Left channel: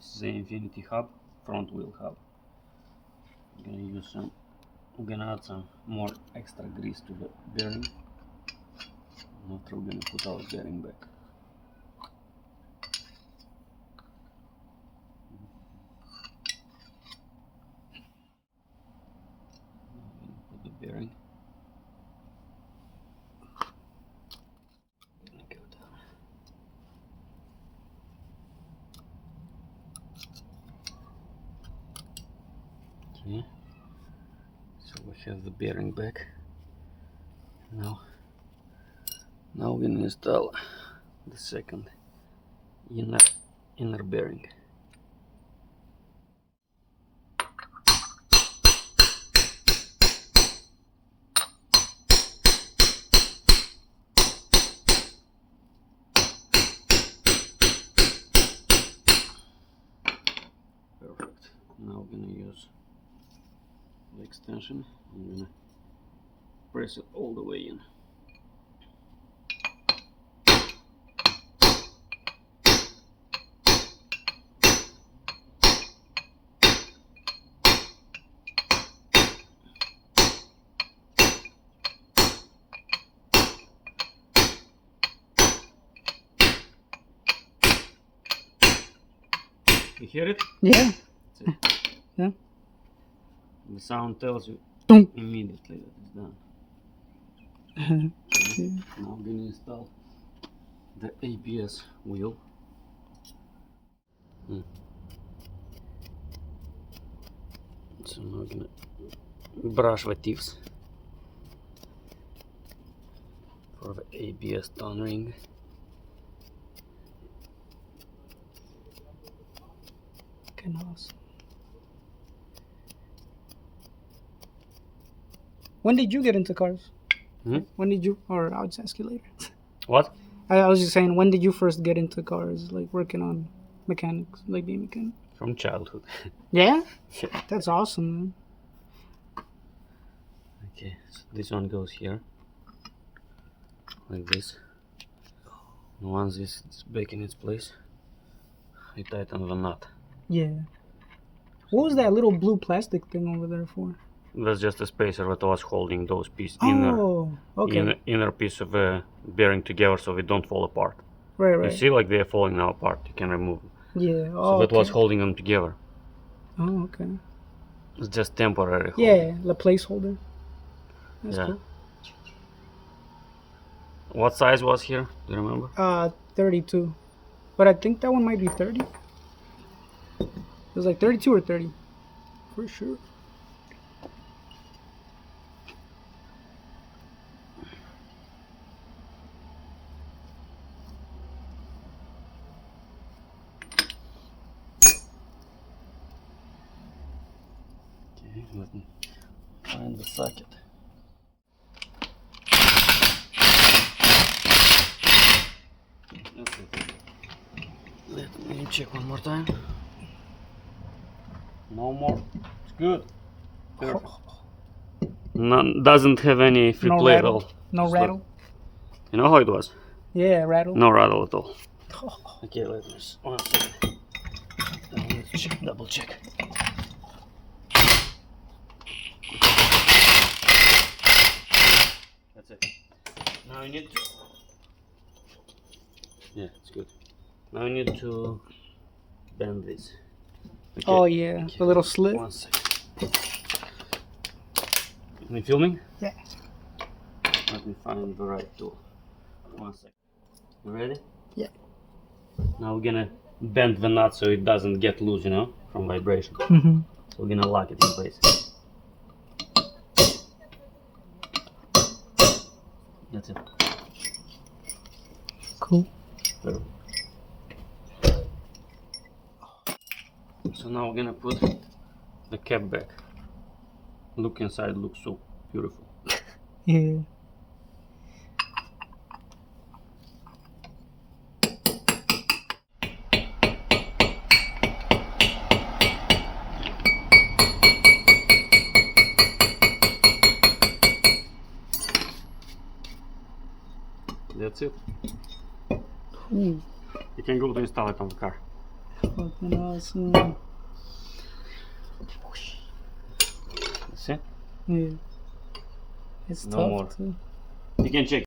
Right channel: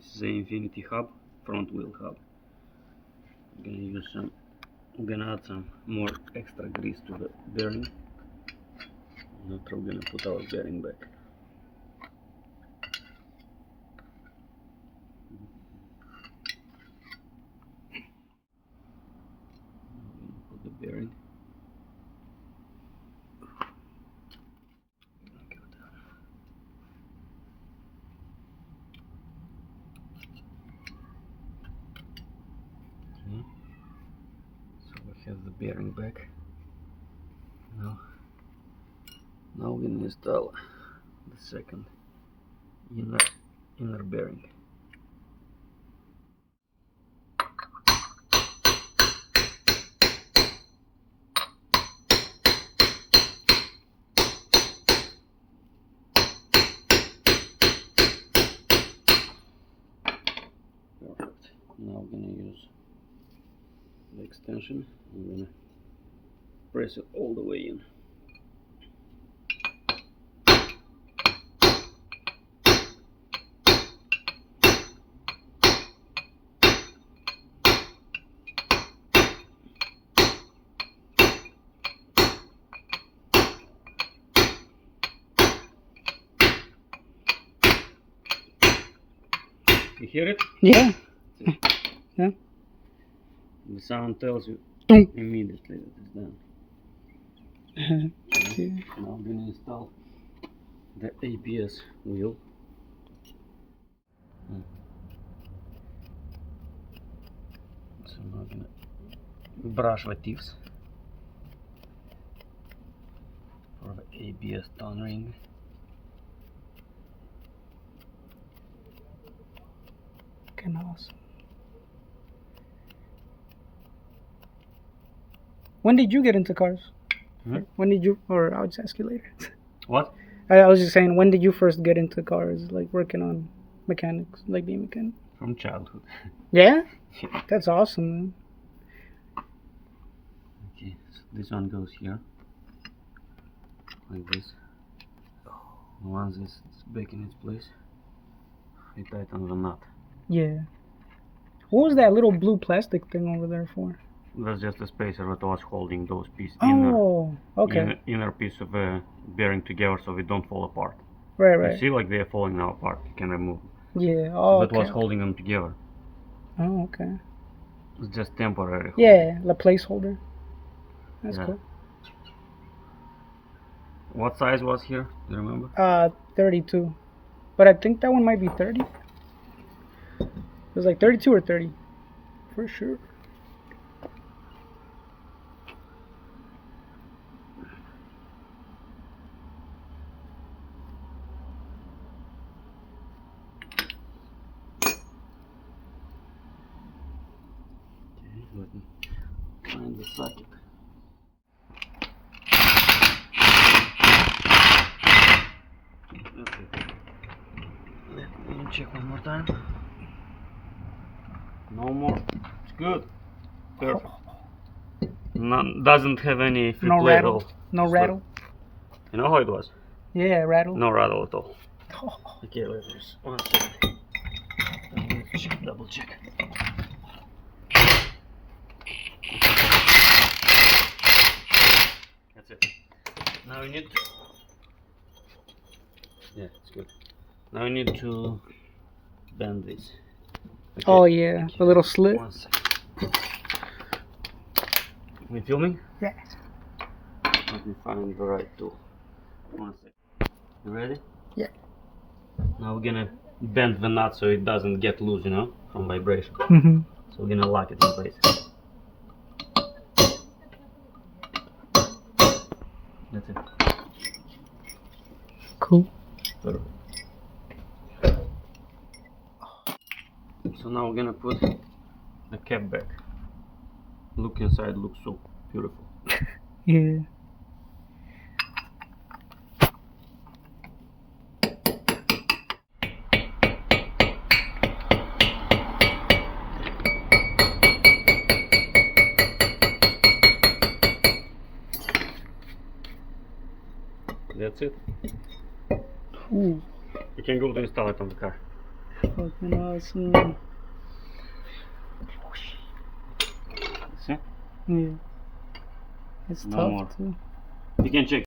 This is the Infiniti hub, front wheel hub. I'm gonna add some more extra grease to the bearing. And after we're gonna put our bearing back. Put the bearing. Go down. Okay. So we have the bearing back. Now we're gonna install the second inner bearing. Perfect. Now we're gonna use the extension. I'm gonna press it all the way in. You hear it? Yeah. Yeah. The sound tells you Boom. immediately that it's done. Okay. Now I'm gonna install the ABS wheel. So now I'm gonna brush the tips for the ABS tone ring. Fucking awesome. When did you get into cars? When did you, or I'll just ask you later. What? I was just saying, when did you first get into cars, like working on mechanics, like being a mechanic? From childhood. Yeah? Yeah. That's awesome, man. Okay, so this one goes here, like this. Once it's back in its place, I tighten the nut. Yeah. What was that little blue plastic thing over there for? That's just a spacer that was holding those pieces, Oh, okay. inner piece of bearing together so they don't fall apart. Right, You right. see, like they're falling now apart. You can remove them. Yeah. So Oh, that was okay. holding them together. Oh, okay. It's just temporary. Yeah, the placeholder. That's Yeah. cool. What size was here? Do you remember? 32. But I think that one might be 30. It was like 32 or 30. For sure. Okay, let me find the socket. That's it. Let me check one more time. No more. It's good. Perfect. None, doesn't have any free No play at rattle. all. No So, rattle. you know how it was? Yeah, rattle. No rattle at all. Oh, Okay, let me just 1 second. Double check. That's it. Now we need to. Yeah, it's good. Now we need to bend this. Okay. oh yeah, Okay. the little slit. 1 second. You filming? Yeah. Let me find the right tool. 1 second. You ready? Yeah. Now we're gonna bend the nut so it doesn't get loose, you know, from vibration. Mm-hmm. So we're gonna lock it in place. That's it. Cool. Perfect. So now we're gonna put the cap back. Look inside, looks so beautiful. Yeah. That's it. Ooh. You can go to install it on the car. Fucking awesome. See? Yeah. It's No tough more. too. You can check.